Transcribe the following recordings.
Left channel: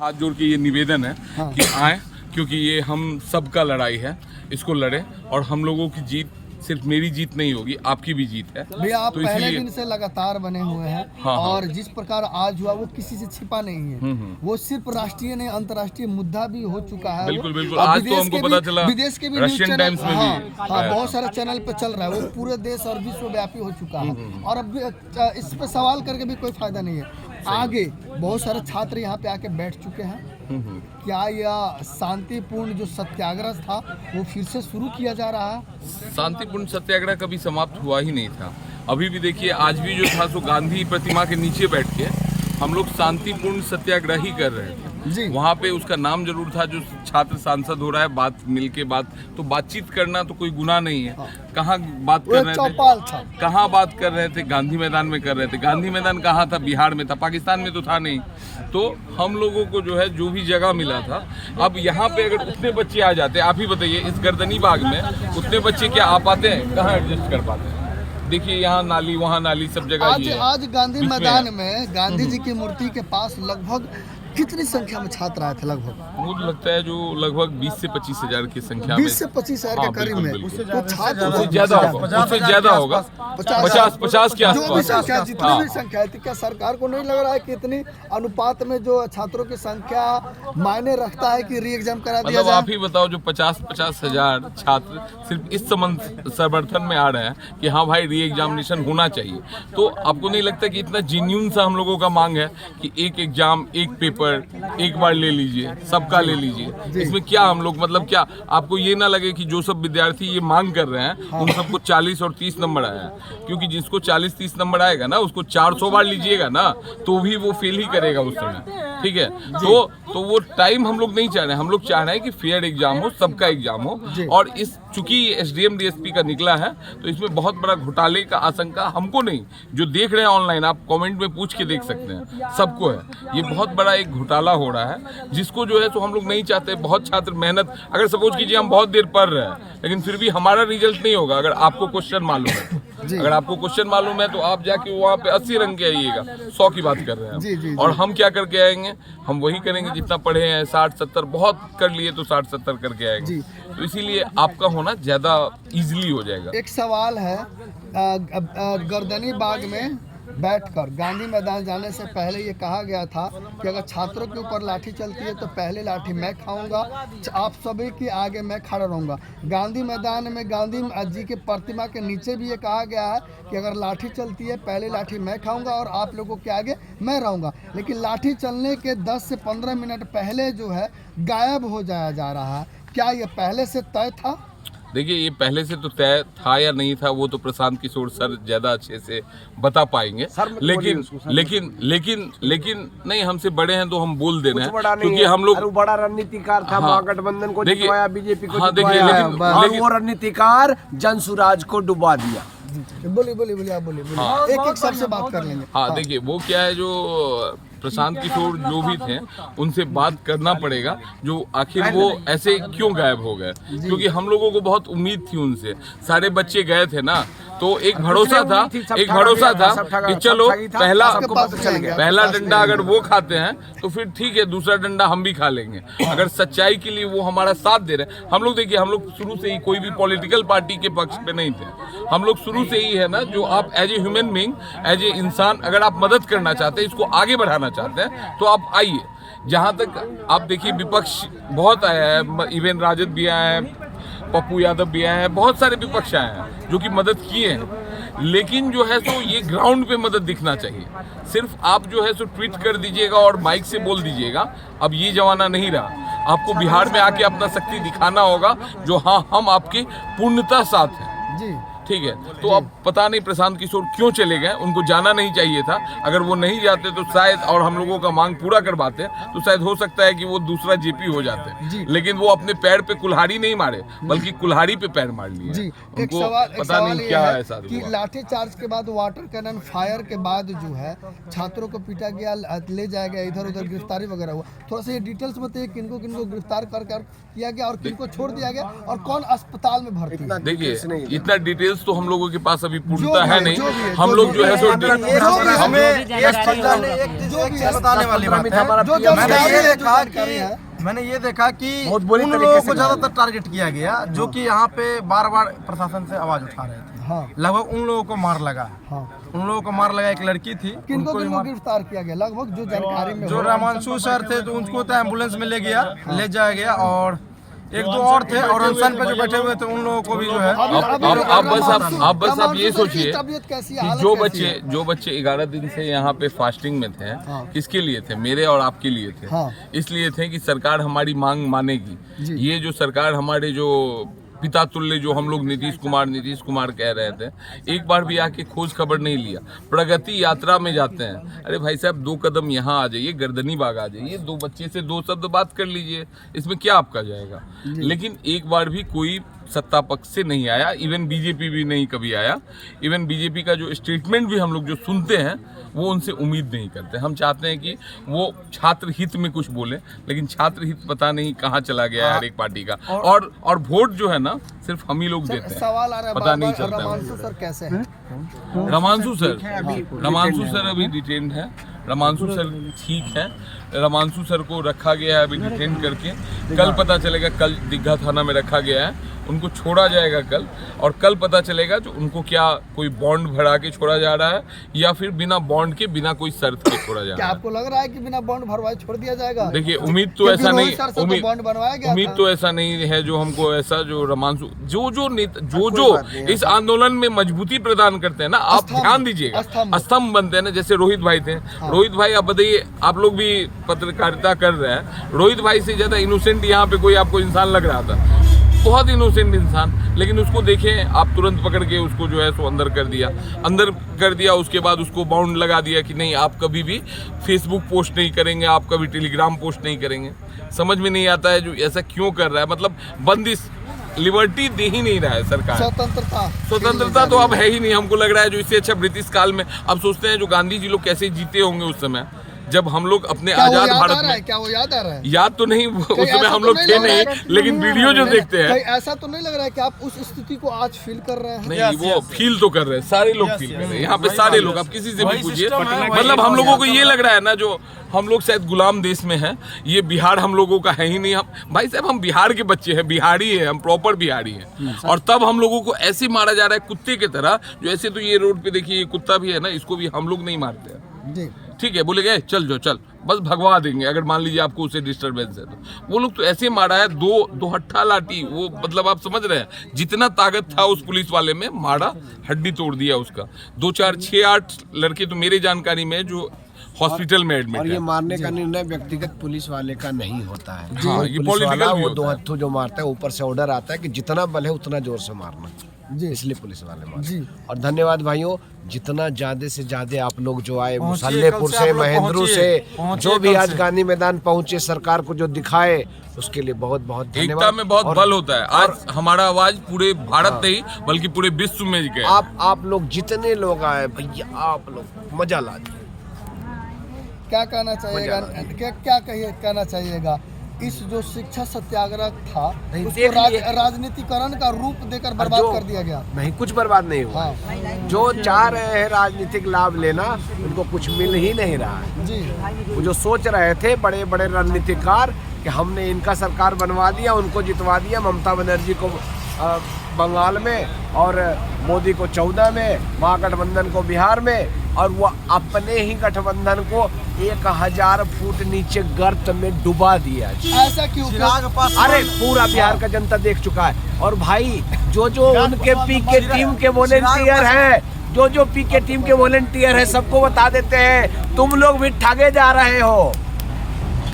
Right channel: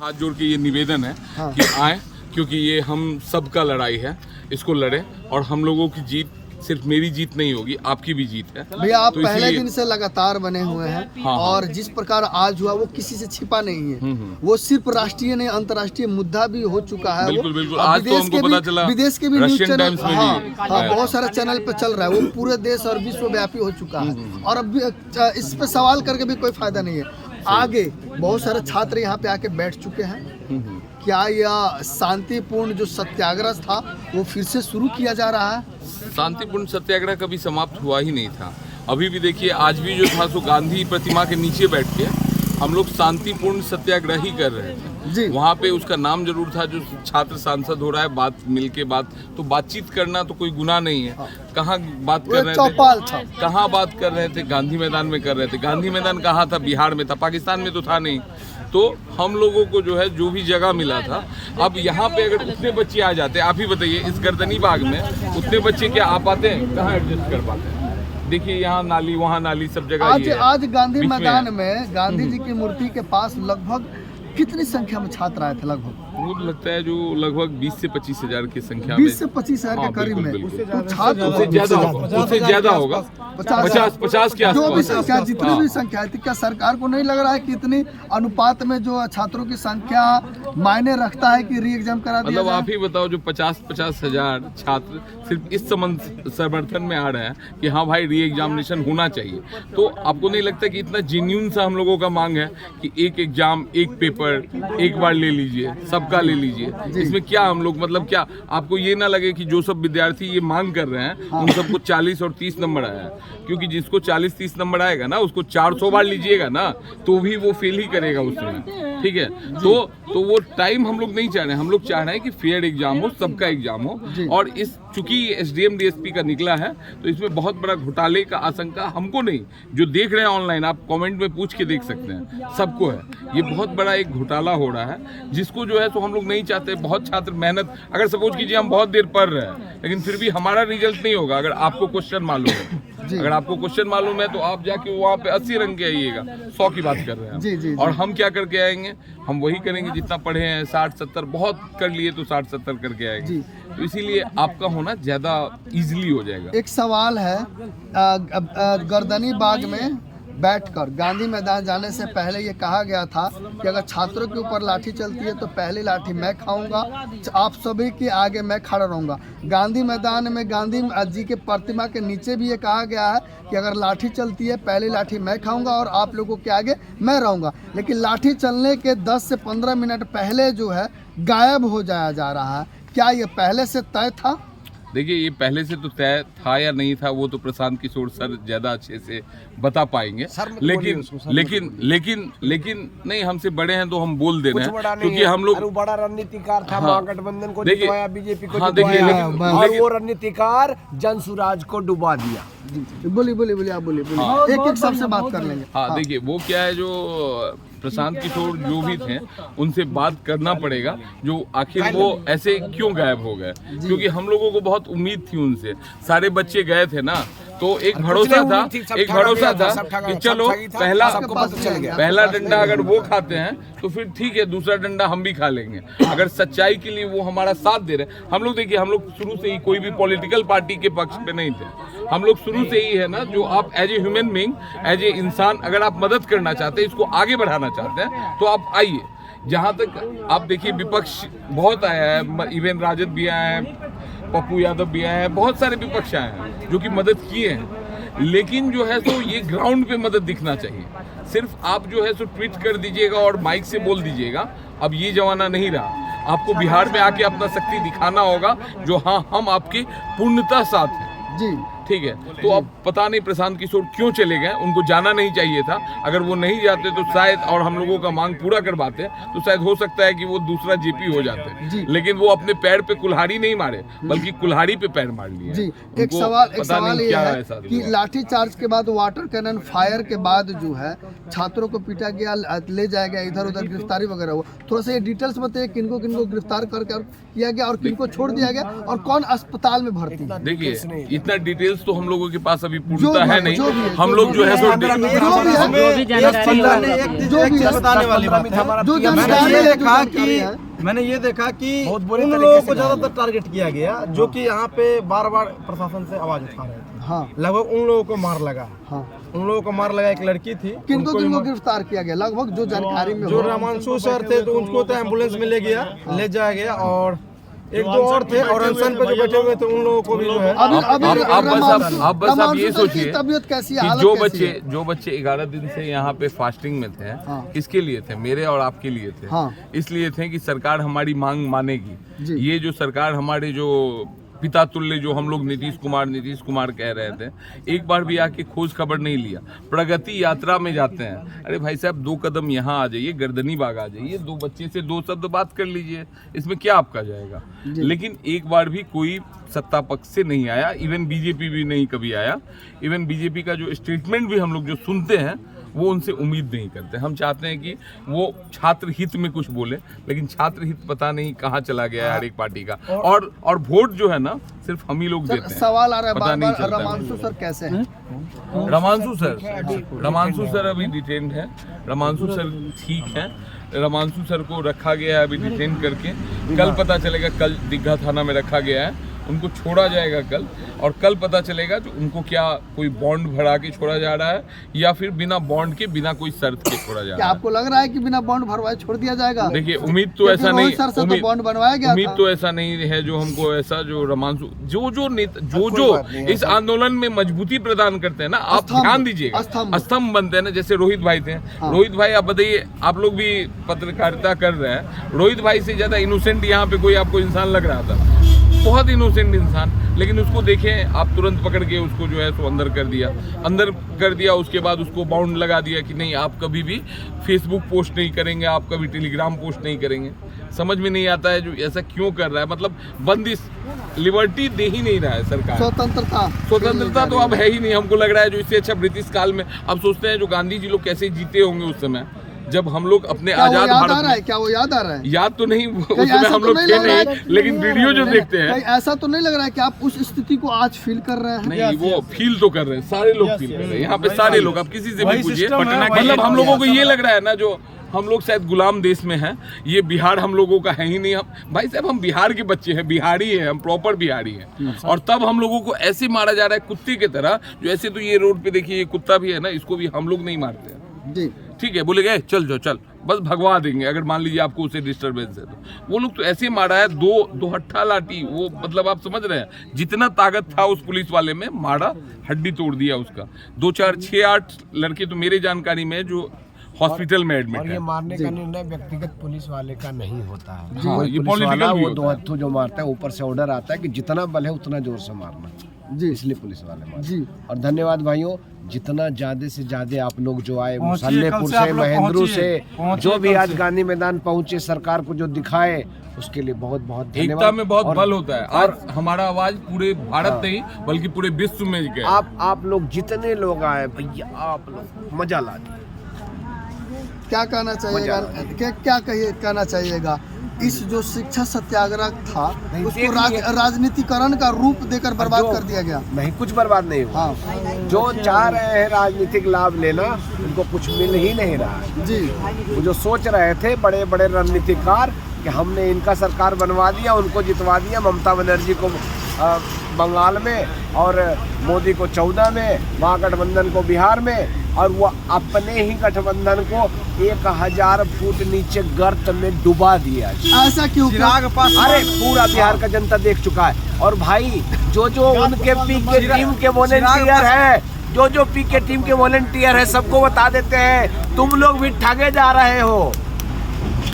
हाथ जोड़ के ये निवेदन है कि आए, क्योंकि ये हम सबका लड़ाई है, इसको लड़े। और हम लोगों की जीत सिर्फ मेरी जीत नहीं होगी, आपकी भी जीत है भैया। आप तो पहले दिन से लगातार बने हुए हैं। हाँ। और जिस प्रकार आज हुआ वो किसी से छिपा नहीं है। वो सिर्फ राष्ट्रीय नहीं अंतर्राष्ट्रीय मुद्दा भी हो चुका है। बिल्कुल बिल्कुल। आज तो हमको पता चला विदेश के भी न्यूज़ रशियन चैनल, टाइम्स में भी बहुत सारे चैनल पे चल रहा है। वो पूरे देश और विश्वव्यापी हो चुका है। और अब इस पे सवाल करके भी कोई फायदा नहीं है। आगे बहुत सारे छात्र यहाँ पे आके बैठ चुके हैं। क्या यह शांतिपूर्ण जो सत्याग्रह था वो फिर से शुरू किया जा रहा है? शांतिपूर्ण सत्याग्रह कभी समाप्त हुआ ही नहीं था। अभी भी देखिए, आज भी जो था सो गांधी प्रतिमा के नीचे बैठ के हम लोग शांतिपूर्ण सत्याग्रह ही कर रहे थे जी। वहाँ पे उसका नाम जरूर था, जो छात्र सांसद हो रहा है, बात मिलके बात, तो बातचीत करना तो कोई गुनाह नहीं है। कहाँ बात कर रहे थे, कहाँ बात कर रहे थे? गांधी मैदान में कर रहे थे। गांधी मैदान कहाँ था? बिहार में था, पाकिस्तान में तो था नहीं। तो हम लोगों को जो है जो भी जगह मिला था, अब यहाँ पे अगर उतने बच्चे आ जाते, आप ही बताइए, इस गर्दनी बाग में उतने बच्चे क्या आ पाते हैं? कहाँ एडजस्ट कर पाते हैं? देखिए, यहाँ नाली वहाँ नाली, सब जगह ये है। आज गांधी मैदान में गांधी जी की मूर्ति के पास लगभग कितनी संख्या में छात्र आए थे? लगभग मुझे लगता है जो लगभग 20 से 25 हजार की संख्या में, 20 से 25 हजार के करीब में। उससे ज्यादा होगा, उससे ज्यादा होगा, 50 के आसपास। जितनी भी संख्या है, क्या सरकार को नहीं लग रहा है कि इतनी अनुपात में जो छात्रों की संख्या मायने रखता है कि री एग्जाम करा दिया मतलब जाए? आप ही बताओ, जो 50 हजार छात्र सिर्फ इस समर्थन में आ रहे हैं कि हाँ भाई री एग्जामिनेशन होना चाहिए, तो आपको नहीं लगता कि इतना जेन्युइन सा हम लोगों का मांग है कि एक एग्जाम, एक पेपर एक बार ले लीजिए, सबका ले लीजिए? इसमें क्या हम लोग, मतलब क्या आपको ये ना लगे कि जो सब विद्यार्थी ये मांग कर रहे हैं उन सबको 40 और 30 नंबर आया है? क्योंकि जिसको 40-30 नंबर आएगा ना, उसको 400 बार लीजिएगा ना तो भी वो फेल ही करेगा उस समय। ठीक है, तो वो टाइम हम लोग नहीं चाह रहे हैं। हम लोग चाह रहे हैं कि फेयर एग्जाम हो, सबका एग्जाम हो। और इस चूंकि एसडीएम डीएसपी का निकला है, तो इसमें बहुत बड़ा घोटाले का आशंका हमको नहीं, जो देख रहे हैं ऑनलाइन, आप कमेंट में पूछ के देख सकते हैं, सबको है। ये बहुत बड़ा एक घोटाला हो रहा है, जिसको जो है तो हम लोग नहीं चाहते। बहुत छात्र मेहनत, अगर सपोज कीजिए हम बहुत देर पढ़ रहे हैं, लेकिन फिर भी हमारा रिजल्ट नहीं होगा अगर आपको क्वेश्चन मालूम है तो। अगर आपको क्वेश्चन मालूम है तो आप जाके वहाँ पे 80 रंग के आइएगा, 100 की बात कर रहे हैं जी। और हम क्या करके आएंगे? हम वही करेंगे जितना पढ़े हैं, 60-70 बहुत कर लिए तो 60-70 करके आएंगे। तो इसीलिए आपका होना ज्यादा इजीली हो जाएगा। एक सवाल है, गर्दनी बाग में बैठकर गांधी मैदान जाने से पहले ये कहा गया था कि अगर छात्रों के ऊपर लाठी चलती है तो पहली लाठी मैं खाऊंगा, आप सभी के आगे मैं खड़ा रहूंगा। गांधी मैदान में गांधी जी के प्रतिमा के नीचे भी ये कहा गया है कि अगर लाठी चलती है पहली लाठी मैं खाऊंगा और आप लोगों के आगे मैं रहूंगा। लेकिन लाठी चलने के 10 से 15 मिनट पहले जो है गायब हो जाया जा रहा है। क्या ये पहले से तय था? देखिए, ये पहले से तो तय था या नहीं था, वो तो प्रशांत किशोर सर ज्यादा अच्छे से बता पाएंगे। लेकिन नहीं, हमसे बड़े हैं तो हम बोल दे रहे हैं, क्योंकि हम लोग बड़ा रणनीतिकार था। महागठबंधन को देखिए, जितवाया, बीजेपी को देखिए, लेकिन वो रणनीतिकार जनसुराज को डुबा दिया। बोलिए आप बोलिए। एक सबसे बात कर लेंगे। हाँ, देखिए, वो क्या है, जो प्रशांत किशोर जो भी थे उनसे बात करना पड़ेगा, जो आखिर वो ऐसे क्यों गायब हो गए। क्योंकि हम लोगों को बहुत उम्मीद थी उनसे, सारे बच्चे गए थे ना, तो एक भरोसा था कि चलो पहला डंडा अगर वो खाते हैं तो फिर ठीक है, दूसरा डंडा हम भी खा लेंगे। अगर सच्चाई के लिए वो हमारा साथ दे रहे हैं। हम लोग देखिए, हम लोग शुरू से ही कोई भी पॉलिटिकल पार्टी के पक्ष पे नहीं थे। हम लोग शुरू से ही है ना, जो आप as a human being, as a इंसान, अगर आप मदद करना चाहते हैं, इसको आगे बढ़ाना चाहते हैं, तो आप आइए। जहाँ तक आप देखिए, विपक्ष बहुत आया है, इवन राजद भी आए हैं, पप्पू यादव भी आए हैं, बहुत सारे विपक्ष आए हैं जो कि मदद किए हैं। लेकिन जो है तो ये ग्राउंड पे मदद दिखना चाहिए। सिर्फ आप जो है सो ट्वीट कर दीजिएगा और माइक से बोल दीजिएगा, अब ये जमाना नहीं रहा। आपको बिहार में आके अपना शक्ति दिखाना होगा, जो हाँ, हम आपके पूर्णतः साथ हैं जी। ठीक है, तो अब पता नहीं प्रशांत किशोर क्यों चले गए, उनको जाना नहीं चाहिए था। अगर वो नहीं जाते तो शायद, और हम लोगों का मांग पूरा करवाते, तो शायद हो सकता है कि वो दूसरा जेपी हो जाते। लेकिन वो अपने पैर पे कुल्हाड़ी नहीं मारे, बल्कि कुल्हाड़ी पे पैर मार लिए। एक सवाल क्या है कि लाठी चार्ज के बाद, वाटर कैनन फायर के बाद जो है छात्रों को पीटा गया, ले जाया गया, इधर उधर गिरफ्तारी वगैरह हुआ। थोड़ा सा ये डिटेल्स बताइए, किनको गिरफ्तार करके किया गया और किनको छोड़ दिया गया और कौन अस्पताल में भर्ती? देखिए, इतना डिटेल्स डिटेल्स तो हम लोगों के पास अभी पूर्णता है नहीं। हम लोग जो है सो मैंने ये देखा कि उन लोगों को ज्यादातर टारगेट किया गया जो कि यहाँ पे बार बार प्रशासन से आवाज उठा रहे थे। हाँ। लगभग उन लोगों को मार लगा। हाँ। उन लोगों को मार लगा, एक लड़की थी किनको गिरफ्तार किया गया लगभग जो जानकारी में जो रामांशु सर थे, तो उनको तो एम्बुलेंस में ले जाया गया और एक दो और थे और अनशन पे जो बैठे हुए थे उन लोगों को भी जो है आप ये सोचिए तबीयत कैसी है, कि हालत जो बच्चे 11 दिन से यहाँ पे फास्टिंग में थे, किसके लिए थे? मेरे और आपके लिए थे। हाँ। इसलिए थे कि सरकार हमारी मांग मानेगी। जी। ये जो सरकार हमारे जो पिता तुल्य जो हम लोग नीतीश कुमार कह रहे थे, एक बार भी आके खोज खबर नहीं लिया। प्रगति यात्रा में जाते हैं, अरे भाई साहब 2 कदम यहाँ आ जाइए, गर्दनी बाग आ जाइए, 2 बच्चे से 2 शब्द बात कर लीजिए, इसमें क्या आपका जाएगा? लेकिन एक बार भी कोई सत्ता पक्ष से नहीं आया, इवन बीजेपी भी नहीं कभी आया। इवन बीजेपी का जो स्टेटमेंट भी हम लोग जो सुनते हैं वो उनसे उम्मीद नहीं करते। हम चाहते हैं कि वो छात्र हित में कुछ बोले, लेकिन छात्र हित पता नहीं कहाँ चला गया है हर एक पार्टी का। और वोट जो है ना सिर्फ हम ही लोग देते हैं। सवाल आ रहा है पता नहीं चलता। रामांशु सर कैसे हैं? रमांशु सर अभी डिटेन्ड है। रमांशु सर ठीक है। रमांशु सर को रखा गया है अभी डिटेन करके। कल पता चलेगा, कल दीघा थाना में रखा गया है, उनको छोड़ा जाएगा कल, और कल पता चलेगा जो उनको क्या कोई बॉन्ड भरा के छोड़ा जा रहा है या फिर बिना बॉन्ड के, बिना कोई शर्त के छोड़ा जा रहा है। आपको लग रहा है कि बिना बॉन्ड भरवाए छोड़ दिया जाएगा? देखिए, उम्मीद तो ऐसा नहीं, उम्मीद तो ऐसा नहीं है जो हमको ऐसा जो रमांशु जो इस आंदोलन में मजबूती प्रदान करते हैं ना, आप ध्यान दीजिएगा, स्तंभ बनते हैं ना। जैसे रोहित भाई थे। रोहित भाई, आप बताइए, आप लोग भी पत्रकारिता कर रहे हैं, रोहित भाई से ज्यादा इनोसेंट यहाँ पे कोई आपको इंसान लग रहा था? बहुत इनोसेंट इंसान, लेकिन उसको देखें आप, तुरंत पकड़ के उसको जो है सो अंदर कर दिया। उसके बाद उसको बाउंड लगा दिया कि नहीं, आप कभी भी फेसबुक पोस्ट नहीं करेंगे, आप कभी टेलीग्राम पोस्ट नहीं करेंगे। समझ में नहीं आता है जो ऐसा क्यों कर रहा है। मतलब बंदिश, लिबर्टी दे ही नहीं रहा है सरकार। स्वतंत्रता तो अब है ही नहीं। हमको लग रहा है जो इससे अच्छा ब्रिटिश काल में, अब सोचते हैं जो गांधी जी लोग कैसे जीते होंगे उस समय, जब हम लोग अपने आजाद भारत में। क्या वो याद आ रहा है? याद तो नहीं, उस समय हम लोग थे नहीं, लेकिन वीडियो जो देखते हैं, ऐसा तो नहीं लग रहा है कि आप उस स्थिति को आज फील कर रहे हैं? नहीं, वो फील तो कर रहे हैं, सारे लोग फील कर रहे हैं यहाँ पे, सारे लोग। आप किसी से भी पूछिए, मतलब हम लोगों को ये लग रहा है ना जो हम लोग शायद गुलाम देश में हैं। ये बिहार हम लोगों का है ही नहीं। हम भाई साहब, हम बिहार के बच्चे हैं, बिहारी हैं, हम प्रॉपर बिहारी हैं। और तब हम लोगों को ऐसे मारा जा रहा है कुत्ते की तरह। जो ऐसे तो ये रोड पे देखिए, ये कुत्ता भी है ना, इसको भी हम लोग नहीं मारते हैं जी। ठीक है, बोले गए चल जो चल, बस भगवा देंगे अगर मान लीजिए आपको उसे डिस्टर्बेंस है तो। वो लोग तो ऐसे मारा है, दो हट्ठा लाठी, वो मतलब आप समझ रहे हैं जितना ताकत था उस पुलिस वाले में, मारा, हड्डी तोड़ दिया उसका। 2 4 6 8 लड़के तो मेरे जानकारी में जो हॉस्पिटल में एडमिट है। और ये मारने का निर्णय व्यक्तिगत पुलिस वाले का नहीं होता है। हाँ, ये पुलिस वाला वो होता 2 हत्थों जो मारता है, ऊपर से ऑर्डर आता है कि जितना बल है उतना जोर से मारना जी। इसलिए पुलिस वाले मारते जी। और धन्यवाद भाइयों, जितना ज्यादा से ज्यादा आप लोग जो आए, मुसल्लेपुर से, महेंद्रू से, जो भी आज गांधी मैदान पहुंचे, सरकार को जो दिखाए, उसके लिए बहुत बहुत धन्यवाद। एकता में बहुत बल होता है। आज हमारा आवाज पूरे भारत नहीं बल्कि पूरे विश्व में गया। आप लोग जितने लोग आए भैया, आप लोग मजा ला दिए। क्या कहना चाहिएगा? क्या कहना चाहिएगा? इस जो शिक्षा सत्याग्रह था उसको राजनीतिकरण का रूप देकर बर्बाद कर दिया गया। नहीं, कुछ बर्बाद नहीं हुआ। जो चाह रहे हैं राजनीतिक लाभ लेना, उनको कुछ मिल ही नहीं रहा है जी। वो जो सोच रहे थे बड़े बड़े रणनीतिकार कि हमने इनका सरकार बनवा दिया, उनको जितवा दिया, ममता बनर्जी को बंगाल में और मोदी को 14 में, महागठबंधन को बिहार में, और वो अपने ही गठबंधन को 1000 फुट नीचे गर्त में डुबा दिया। ऐसा क्यों? अरे पूरा बिहार का जनता देख चुका है। और भाई जो उनके पीके टीम के वॉलेंटियर हैं, जो पीके टीम के वॉलेंटियर है, सबको बता देते हैं, तुम लोग भी ठगे जा रहे हो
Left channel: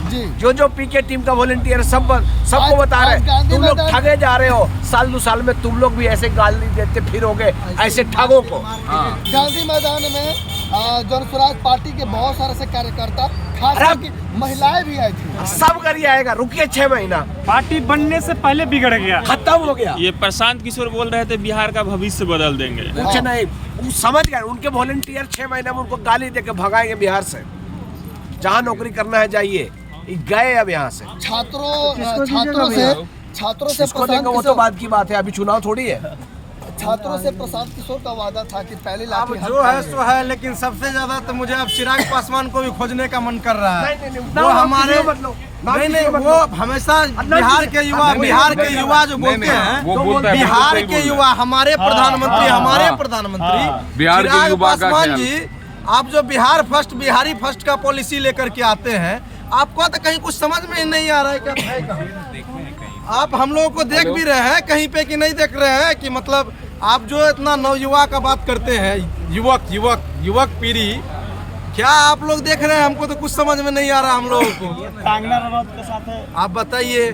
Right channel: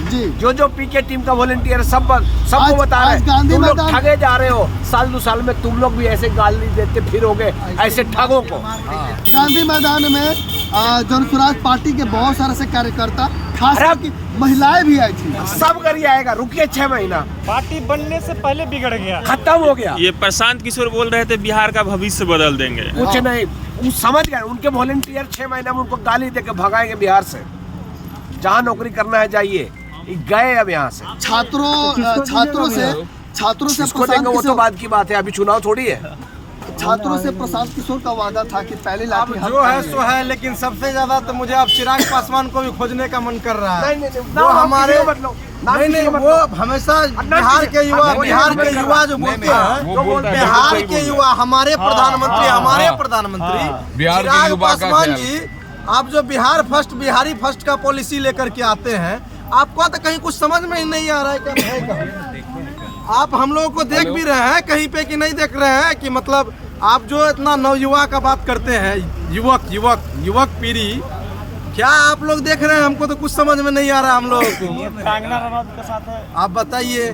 जी। जो पीके टीम का वॉलेंटियर सबको बता रहे हैं, तुम लोग ठगे जा रहे हो। साल 2 साल में तुम लोग भी ऐसे गाली देते फिरोगे ऐसे ठगों को। गांधी मैदान में जनसुराज पार्टी के बहुत सारे से कार्यकर्ता, खास करके महिलाएं भी आई थी। सब करिए आएगा, रुकिए 6 महीना। पार्टी बनने से पहले बिगड़ गया, खत्म हो गया। ये प्रशांत किशोर बोल रहे थे बिहार का भविष्य बदल देंगे। कुछ नहीं, वो समझ गए। उनके वॉलेंटियर 6 महीना में उनको गाली देके भगाएंगे बिहार से। जहाँ नौकरी करना है जाइए, गए अब यहाँ से। छात्रों से इसको देंगे वो तो बाद की बात है, अभी चुनाव थोड़ी है। छात्रों से प्रशांत किशोर का वादा था कि पहले अब लाठी हाथ जो है करेंगे। सो है, लेकिन सबसे ज्यादा तो मुझे अब चिराग पासवान को भी खोजने का मन कर रहा है। वो हमारे नहीं वो हमेशा बिहार के युवा जो बोलते हैं, बिहार के युवा हमारे प्रधानमंत्री बिहार के चिराग युवा का पासवान ख्याल। जी, आप जो बिहारी फर्स्ट का पॉलिसी लेकर के आते हैं, आपको तो कहीं कुछ समझ में ही नहीं आ रहा है क्या है कहाँ। आप हम लोगों को देख भी रहे हैं कहीं पे कि नहीं देख रहे हैं कि मतलब आप जो इतना नवयुवा का बात करते हैं, युवक पीढ़ी, क्या आप लोग देख रहे हैं? हमको तो कुछ समझ में नहीं आ रहा हम लोगों को। आप बताइए,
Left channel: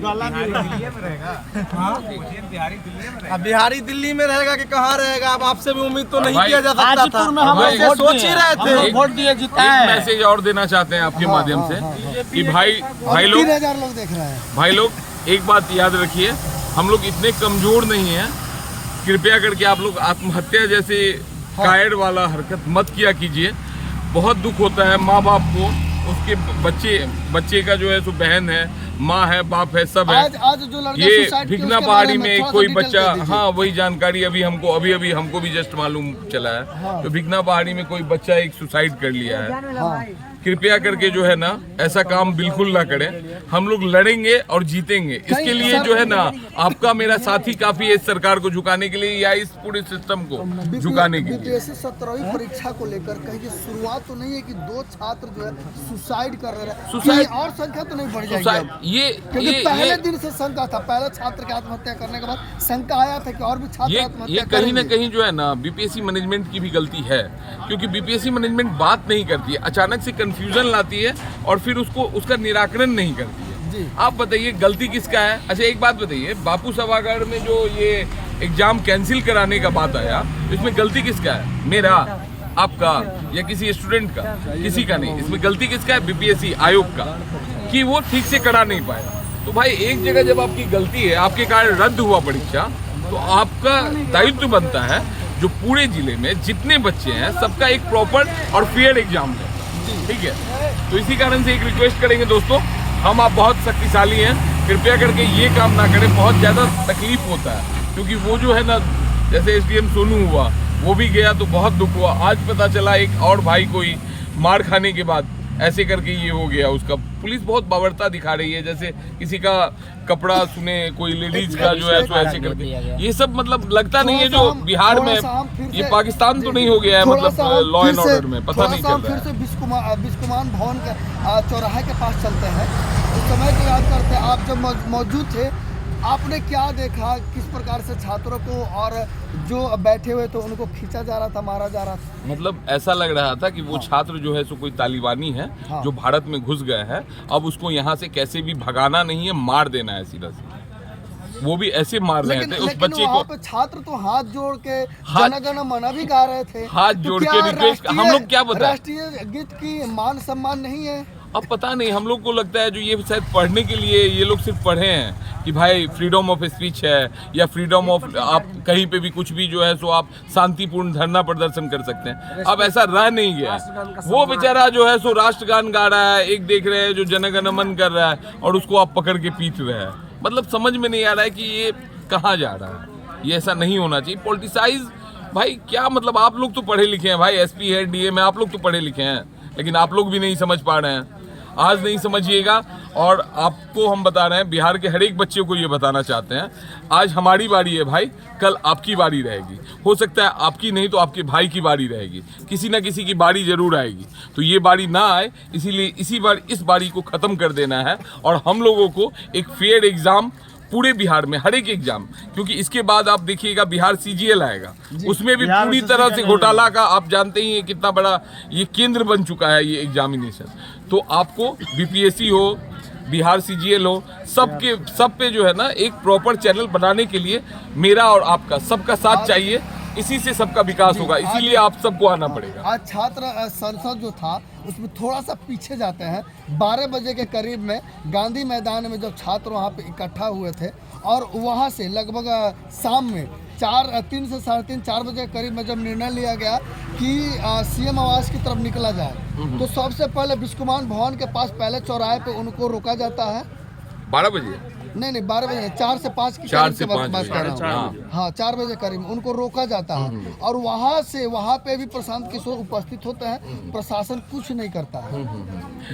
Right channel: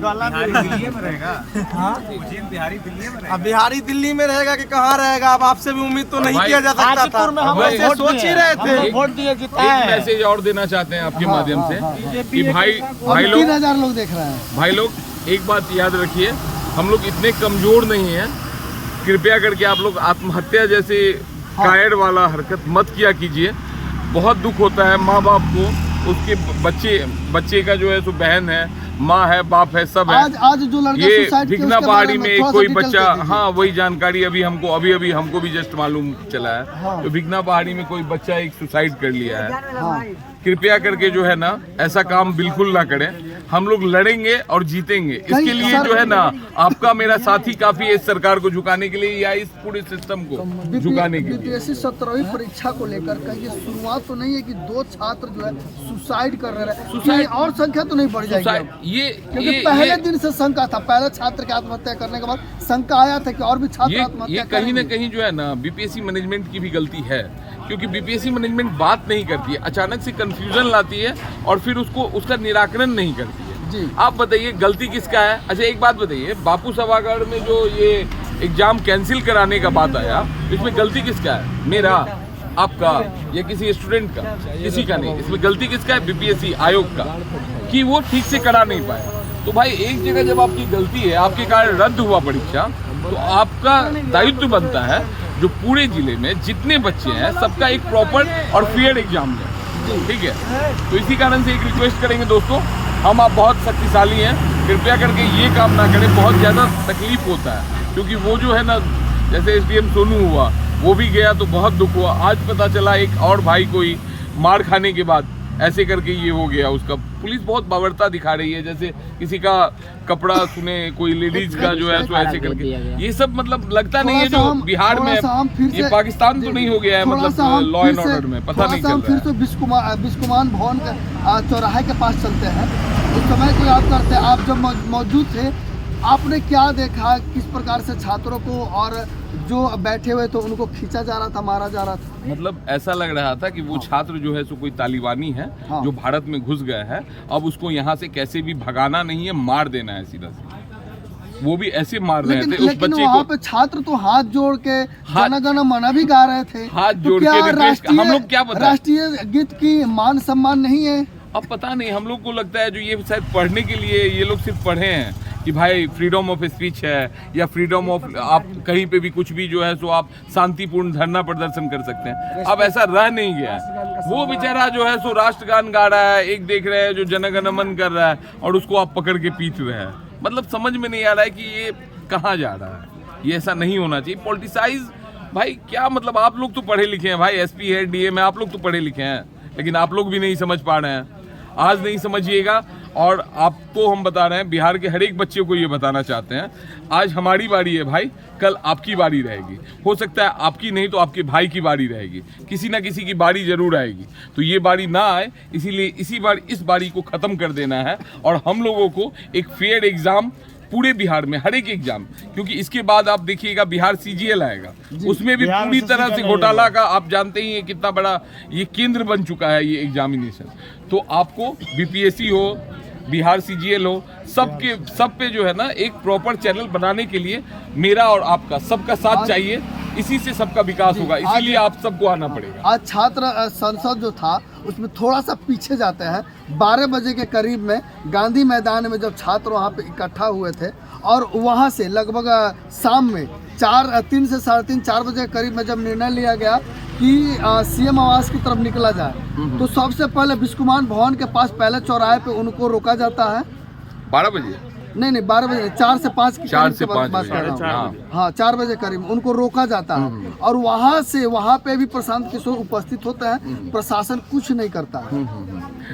अब बिहारी दिल्ली में रहेगा कि कहाँ रहेगा? अब आपसे भी उम्मीद तो नहीं किया जा सकता था, वैसे सोच ही रहे थे। एक मैसेज और देना चाहते हैं आपके माध्यम से कि भाई लोग 3000 लोग देख रहे हैं। भाई लोग, एक बात याद रखिए, हम लोग इतने कमजोर नहीं हैं। कृपया करके आप लोग आत्महत्या जैसे कायड़ वाला हरकत मत किया कीजिए। बहुत दुख होता है माँ बाप को, उसके बच्चे का जो है सो बहन है, माँ है, बाप है, सब है। आज जो लड़का ये सुसाइड किया, भिगना उसके पहाड़ी बारे में थोड़ा सा कोई डिटेल बच्चा, दे दीजिए। हाँ वही जानकारी अभी हमको भी जस्ट मालूम चला है। तो भिगना पहाड़ी में कोई बच्चा एक सुसाइड कर लिया है। कृपया करके जो है ना, ऐसा काम बिल्कुल ना करें। हम लोग लड़ेंगे और जीतेंगे। इसके लिए जो है ना, आपका मेरा साथी काफी है इस सरकार को झुकाने के लिए या इस पूरे सिस्टम को झुकाने के लिए। बीपीएससी 17वीं परीक्षा को लेकर कहीं शुरुआत तो नहीं है कि 2 छात्र जो है सुसाइड कर रहे हैं? सुसाइड और संख्या तो नहीं बढ़ जाएगी? क्योंकि पहले दिन से शंका था, पहले छात्र की आत्महत्या करने के बाद शंका आया था कि और भी छात्र ये आत्महत्या कहीं ना करेंगे। कहीं जो है ना, बीपीएससी मैनेजमेंट की भी गलती है। क्योंकि बीपीएससी मैनेजमेंट बात नहीं करती है, अचानक से कंफ्यूजन लाती है और फिर उसका निराकरण नहीं करती है। आप बताइए गलती किसका है? अच्छा एक बात बताइए, बापू सभागार में जो ये एग्जाम कैंसिल कराने का बात आया, इसमें गलती किसका है? मेरा, आपका या किसी स्टूडेंट का? किसी का नहीं। इसमें गलती किसका है? बीपीएससी आयोग का, कि वो ठीक से करा नहीं पाया। तो भाई एक जगह जब आपकी गलती है, आपके कारण रद्द हुआ परीक्षा, तो आपका दायित्व बनता है जो पूरे जिले में जितने बच्चे हैं सबका एक प्रॉपर और फेयर एग्जाम है। ठीक है, तो इसी कारण से एक रिक्वेस्ट करेंगे दोस्तों, हम आप बहुत शक्तिशाली हैं, कृपया करके ये काम ना करें। बहुत ज़्यादा तकलीफ होता है, क्योंकि वो जो है ना, जैसे एसडीएम सोनू हुआ, वो भी गया तो बहुत दुख हुआ। आज पता चला एक और भाई कोई मार खाने के बाद ऐसे करके ये हो गया उसका। पुलिस बहुत बावरता दिखा रही है, जैसे किसी का कपड़ा सुने, कोई लेडीज का जो है सो ऐसे करके। ये सब मतलब लगता नहीं है जो बिहार में, ये पाकिस्तान तो नहीं हो गया है मतलब लॉ एंड ऑर्डर में, पता नहीं चल रहा फिर है। से बिस्कुमान भवन का चौराहे के पास चलते हैं। उस समय को याद करते हैं, आप जब मौजूद थे, आपने क्या देखा? किस प्रकार से छात्रों को और जो बैठे हुए थे उनको खींचा जा रहा था, मारा जा रहा था? मतलब ऐसा लग रहा था कि वो छात्र जो है सो कोई तालिबानी है जो भारत में घुस गया है। अब उसको यहाँ से कैसे भी भगाना नहीं है, मार देना है सीधा सीधा। वो भी ऐसे मार रहे थे उस बच्चे को। पे छात्र तो हाथ जोड़ के जन गण मन भी गा रहे थे, हाथ जोड़ के रिक्वेस्ट, हम लोग क्या बताएं? राष्ट्रीय गीत की मान सम्मान नहीं है? अब पता नहीं, हम लोग को लगता है जो ये शायद पढ़ने के लिए ये लोग सिर्फ पढ़े हैं कि भाई फ्रीडम ऑफ स्पीच है, या फ्रीडम ऑफ, आप कहीं पे भी कुछ भी जो है सो आप शांतिपूर्ण धरना प्रदर्शन कर सकते हैं। अब ऐसा रह नहीं गया है। वो बेचारा जो है सो राष्ट्रगान गा रहा है, एक देख रहे हैं जो जनगण मन कर रहा है, और उसको आप पकड़ के पीट रहे हैं। मतलब समझ में नहीं आ रहा है कि ये कहाँ जा रहा है। ये ऐसा नहीं होना चाहिए। पॉलिटिसाइज भाई क्या मतलब, आप लोग तो पढ़े लिखे हैं भाई, एसपी है, डीएम है, आप लोग तो पढ़े लिखे हैं, लेकिन आप लोग भी नहीं समझ पा रहे हैं। आज नहीं समझिएगा, और आपको हम बता रहे हैं, बिहार के हर एक बच्चे को ये बताना चाहते हैं, आज हमारी बारी है भाई, कल आपकी बारी रहेगी। हो सकता है आपकी नहीं तो आपके भाई की बारी रहेगी, किसी ना किसी की बारी जरूर आएगी। तो ये बारी ना आए, इसीलिए इस बारी को ख़त्म कर देना है, और हम लोगों को एक फेयर एग्ज़ाम पूरे बिहार में, हर एक एग्जाम, क्योंकि इसके बाद आप देखिएगा बिहार सीजीएल आएगा, उसमें भी पूरी तरह से घोटाला का, आप जानते ही हैं कितना बड़ा ये केंद्र बन चुका है ये एग्जामिनेशन। तो आपको बीपीएससी हो, बिहार सीजीएल हो, सब पे जो है ना एक प्रॉपर चैनल बनाने के लिए मेरा और आपका सबका साथ चाहिए। इसी से सबका विकास होगा, इसीलिए आप सबको आना पड़ेगा। आज छात्र संसद जो था उसमें थोड़ा सा पीछे जाते हैं। 12 बजे के करीब में गांधी मैदान में जब छात्र वहां पे इकट्ठा हुए थे, और वहां से लगभग शाम में 3 से 3:30 4 बजे के करीब में जब निर्णय लिया गया कि सीएम आवास की तरफ निकला जाए, तो सबसे पहले बिस्कुमान भवन के पास पहले चौराहे पे उनको रोका जाता है। 12 बजे नहीं 12 बजे 4 से 5 की 4 से बात 5 कर रहा हूँ। बजे। हाँ 4 बजे करीब उनको रोका जाता है और वहाँ पे भी प्रशांत किशोर उपस्थित होते हैं। प्रशासन कुछ नहीं करता है,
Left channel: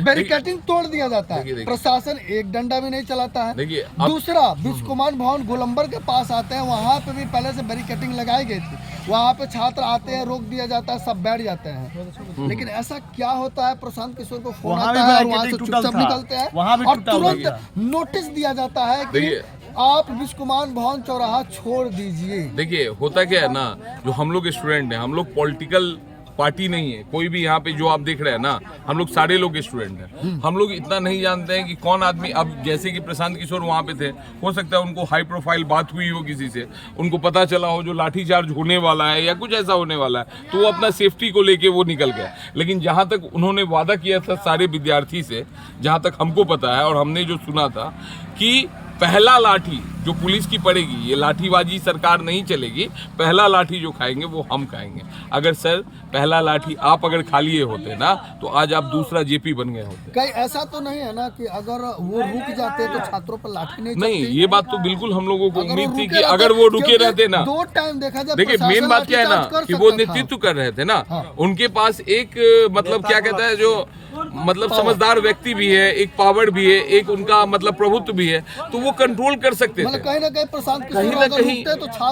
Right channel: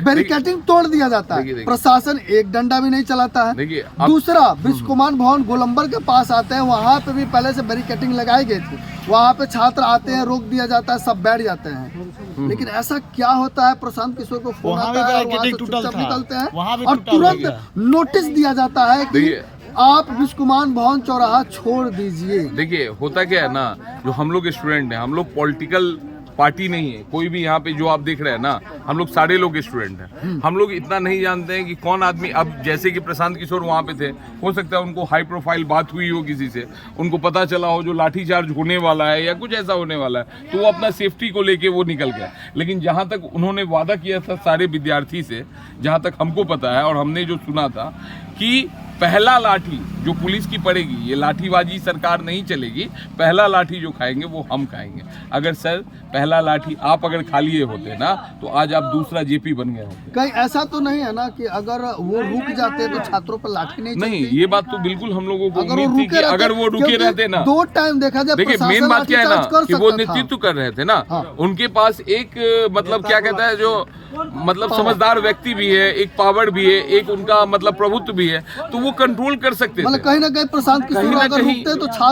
बैरिकेडिंग तोड़ दिया जाता है, प्रशासन एक डंडा भी नहीं चलाता है। देखिए दूसरा विश्व कुमार भवन गोलंबर के पास आते हैं, वहाँ पे भी पहले से बैरिकेडिंग लगाई गई थी, वहाँ पे छात्र आते हैं, रोक दिया जाता है, सब बैठ जाते हैं। लेकिन ऐसा क्या होता है, प्रशांत किशोर को फोन आता है, वहाँ से चुपचाप निकलते हैं और तुरंत नोटिस दिया जाता है कि आप विश्व कुमार भवन चौराहा छोड़ दीजिए। देखिए होता क्या है ना, जो हम लोग स्टूडेंट हैं, हम लोग पॉलिटिकल पार्टी नहीं है कोई भी। यहाँ पे जो आप देख रहे हैं ना, हम लोग सारे लोग स्टूडेंट हैं। हम लोग इतना नहीं जानते हैं कि कौन आदमी, अब जैसे कि प्रशांत किशोर वहाँ पे थे, हो सकता है उनको हाई प्रोफाइल बात हुई हो किसी से, उनको पता चला हो जो लाठीचार्ज होने वाला है या कुछ ऐसा होने वाला है, तो वो अपना सेफ्टी को लेके वो निकल गया। लेकिन जहाँ तक उन्होंने वादा किया था सारे विद्यार्थी से, जहाँ तक हमको पता है और हमने जो सुना था कि पहला लाठी जो पुलिस की पड़ेगी, ये लाठीबाजी सरकार नहीं चलेगी, पहला लाठी जो खाएंगे वो हम खाएंगे। अगर सर पहला लाठी आप अगर खा लिए होते ना, तो आज आप दूसरा जेपी बन गए होते। कहीं ऐसा तो नहीं है ना कि अगर वो रुक जाते तो छात्रों पर लाठी नहीं ये बात तो बिल्कुल हम लोगों को उम्मीद थी कि अगर वो रुके रहते ना। 2 टाइम देखा जाए, देखिए मेन बात क्या है ना कि वो नेतृत्व कर रहे थे ना, उनके पास एक मतलब क्या कहता है, जो मतलब समझदार व्यक्ति भी है, एक पावर भी है, एक उनका मतलब प्रभुत्व भी है, तो वो कंट्रोल कर सकते थे। कहीं ना कहीं प्रशांत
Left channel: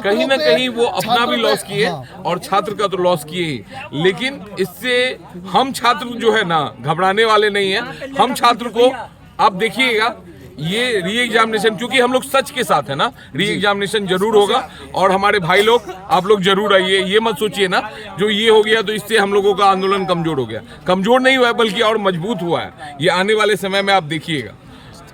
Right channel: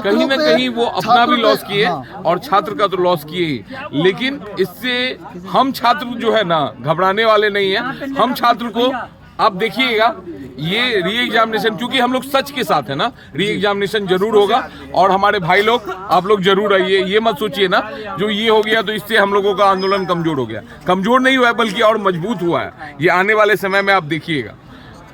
कहीं ना कहीं वो अपना भी लॉस किए और छात्र का तो लॉस किए ही। लेकिन इससे हम छात्र जो है ना घबराने वाले नहीं है। हम छात्र को आप देखिएगा, ये री एग्जामिनेशन, क्योंकि हम लोग सच के साथ है ना, री एग्जामिनेशन जरूर होगा। और हमारे भाई लोग, आप लोग जरूर आइए। ये मत सोचिए ना जो ये हो गया तो इससे हम लोगों का आंदोलन कमजोर हो गया। कमजोर नहीं हुआ है, बल्कि और मजबूत हुआ है। ये आने वाले समय में आप देखिएगा।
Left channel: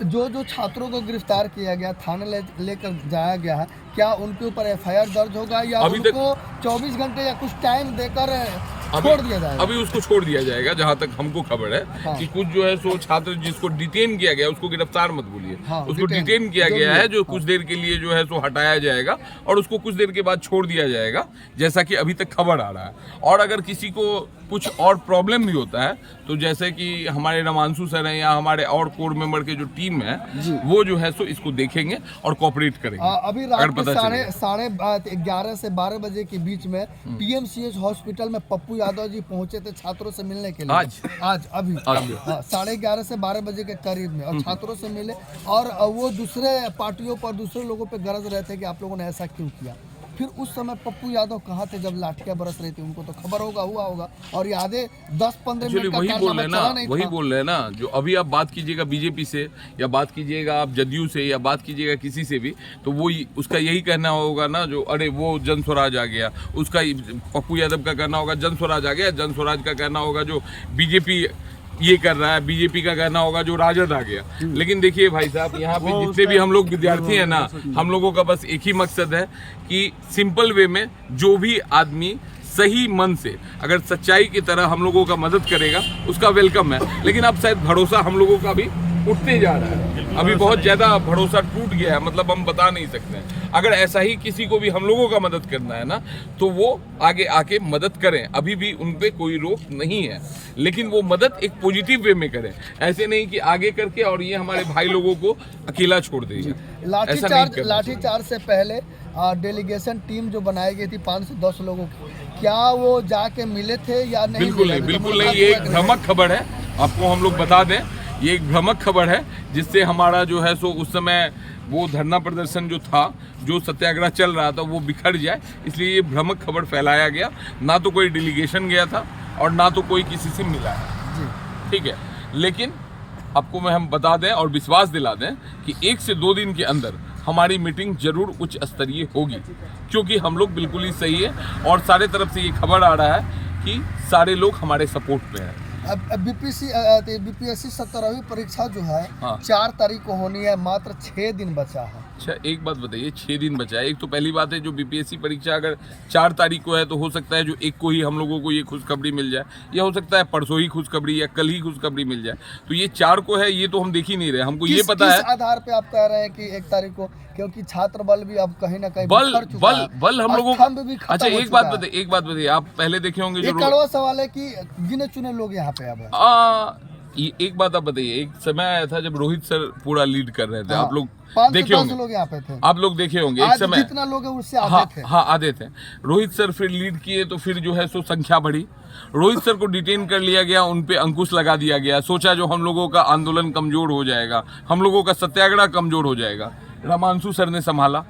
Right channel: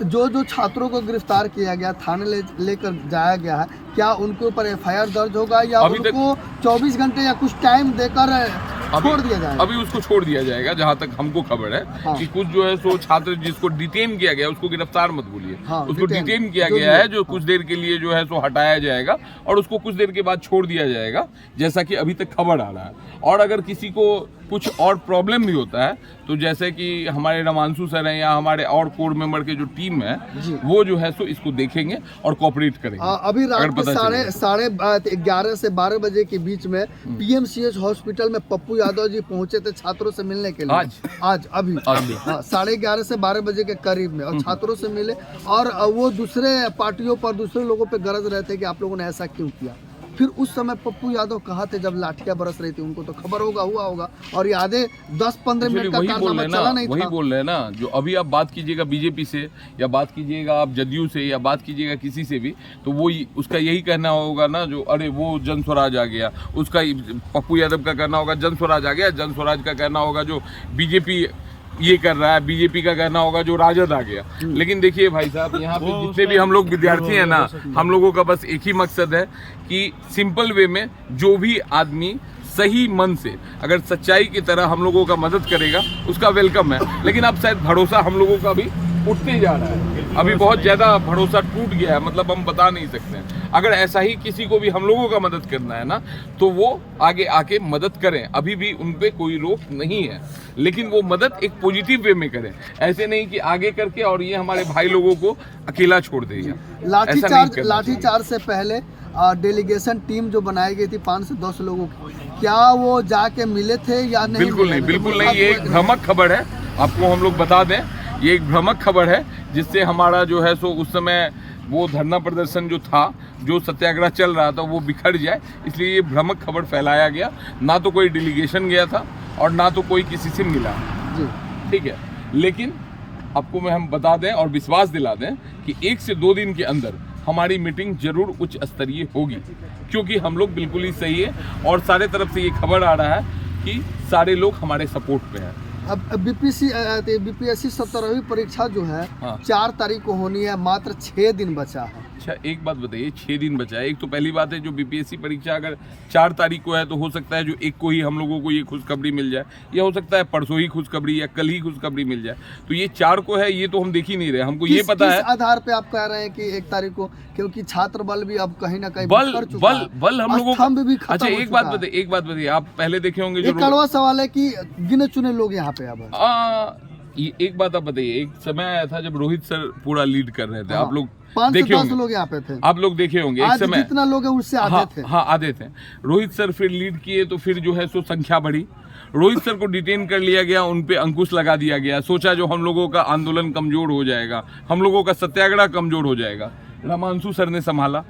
जो छात्रों को गिरफ्तार किया गया, थाने लेकर जाया गया है, क्या उनके ऊपर एफआईआर दर्ज होगा या अभी उनको 24 घंटे या कुछ टाइम देकर छोड़ दिया जाएगा? अभी उसको छोड़ दिया जाएगा, जहाँ तक हमको खबर है। कि कुछ जो है सो छात्र जिसको डिटेन किया गया, उसको गिरफ्तार मत बोलिए, उसको डिटेन किया गया है, जो कुछ देर के लिए जो है सो हटाया जाएगा और उसको कुछ देर के बाद छोड़ दिया जाएगा, जैसा कि अभी तक खबर आ रहा है। और अगर किसी को कुछ और प्रॉब्लम भी होता है, तो जैसे कि हमारे रमांशु सर हैं या हमारे और कोर मेंबर के जो टीम है, वो जो है सो इसको देखेंगे और कोऑपरेट करेंगे। अभी रात के 11:30 से 12 बजे के बीच में पीएमसीएच हॉस्पिटल में पप्पू यादव जी पहुंचे थे छात्रों से मिलने के लिए। आज अभी 11:30 से 12 बजे के करीब में, और छात्रों से मिले और वो दूसरे पार्टियों पर, दूसरे लोगों पे गरज रहे थे कि आप लोगों ने ऐसा क्यों किया। फिर उस समय पप्पू यादव कहाँ थे जब लाठियां बरस रही थी? उनको तो खबर हुआ होगा और यादें 10-15 मिनट का वही बोल रहे हैं ना, जो अभी आप बात कीजिएगा बीजेपी से या बात कीजिएगा आप जदयू से या बात कीजिएगा किसी से भी, तो वो उसका यही कहना होगा ना, जो अरे वो जन स्वराज आ गया, उसका पप्पू यादव का कहना होगा जन स्वराज आ गया, जन स्वराज का कहना होगा जो बीजेपी ये कर रहा है, बीजेपी का कहना होगा जो राजद आ गया। लेकिन देखिए भाई साहब, यहाँ पे जितने भी हम लोग विद्यार्थी हैं ना, हम लोगों का बस एक ही मकसद है कि सिंपल वे में जो भी आदमी सही मन से अगर सच्चाई की तरह हम लोगों का मदद करेगा, उसका वेलकम है। लेकिन अब शायद भरोसा हम लोगों का भी उठते जा रहा है, अभी बहुत ज़्यादा भरोसा टूट गया है, मतलब हम बता नहीं सकते हैं। अगर ऐसा ही किसी को भी हम लोगों का मदद करना है ना, तो वो आगे आके मदद करें, अभी भी उन पे कोई रोक नहीं है। लेकिन वो मदद एक पॉजिटिव वे में करें, ऐसे नहीं कि आगे करके और ये हमारे भाई लोगों को अकेला छोड़ देगा। लाठीचार्ज से पहले डेलीगेशन टीम जो बनाई गई थी 5 से 10 लोगों की, क्या वो जाके मिले थे या नहीं? बिल्कुल नहीं, ये एक भ्रामक खबर है, आपको हम लोग बता दें, ये एक भ्रामक खबर है, जिससे हमारा जो है सो उस समय वो धरना प्रदर्शन जो था, जो सत्याग्रह चल रहा था, वो बिखर जाए, इसलिए ये भ्रामक खबर फैलाया गया। ना तो कोई डेलीगेशन गया था और ना तो कोई किसी से मिला है, ठीक है। लेकिन आपको हम बता दें और विश्वास दिला दें कि 1 से 2 दिन के अंदर हमारी मीटिंग जरूर उच्च स्तरीय होगी, क्योंकि हम लोग बिल्कुल ही सही है और सारे तरफ से ये खबर आ रहा है कि सारे लोग हमारे सपोर्ट पे हैं। अब बीपीएससी 17वीं परीक्षा जो है 4 तारीख को होनी है, मात्र 6 दिन बचा है। अच्छा एक बात बताइए, 6 दिन बचा है। एक तो पहली बात है, जो बीपीएससी परीक्षा अगर 4 तारीख को है तो हो सकता है जो 1 को ही हम लोगों को ये खुशखबरी मिल जाए, या हो सकता है परसों ही खुशखबरी या कल ही खुशखबरी मिल जाए। तो ये 4 को है, ये तो हम देख ही नहीं रहे, हमको ये पता है। आधार पे आप कह रहे हैं कि 1 तारीख को, क्योंकि छात्र बल भी अब कहीं ना कहीं बल हम लोगों का। अच्छा एक बात बताइए, आप पहले देखे होंगे जो कड़वा सवाल है कि गिने चुने लोग यहाँ पे अब एक बात आप बताइए, एक समय आया था जब रोहित सर पूरा लीड कर रहे थे, हाँ। आप लोग 5 से देखे 10 होंगे, लोग यहाँ पे थे। आप लोग देखे होंगे एक आज समय जितना लोग है उससे हाँ आधे थे। हाँ आधे थे। रोहित सर फिर लीड किए तो फिर जो है सो संख्या बढ़ी, रोहित सर को डिटेन कर लिया गया, उन पे अंकुश लगा दिया गया, सोचा जो हम लोगों का आंदोलन कमजोर हो जाएगा, हम लोगों का सत्याग्रह कमजोर हो जाएगा। रामांशु सर ने संभाला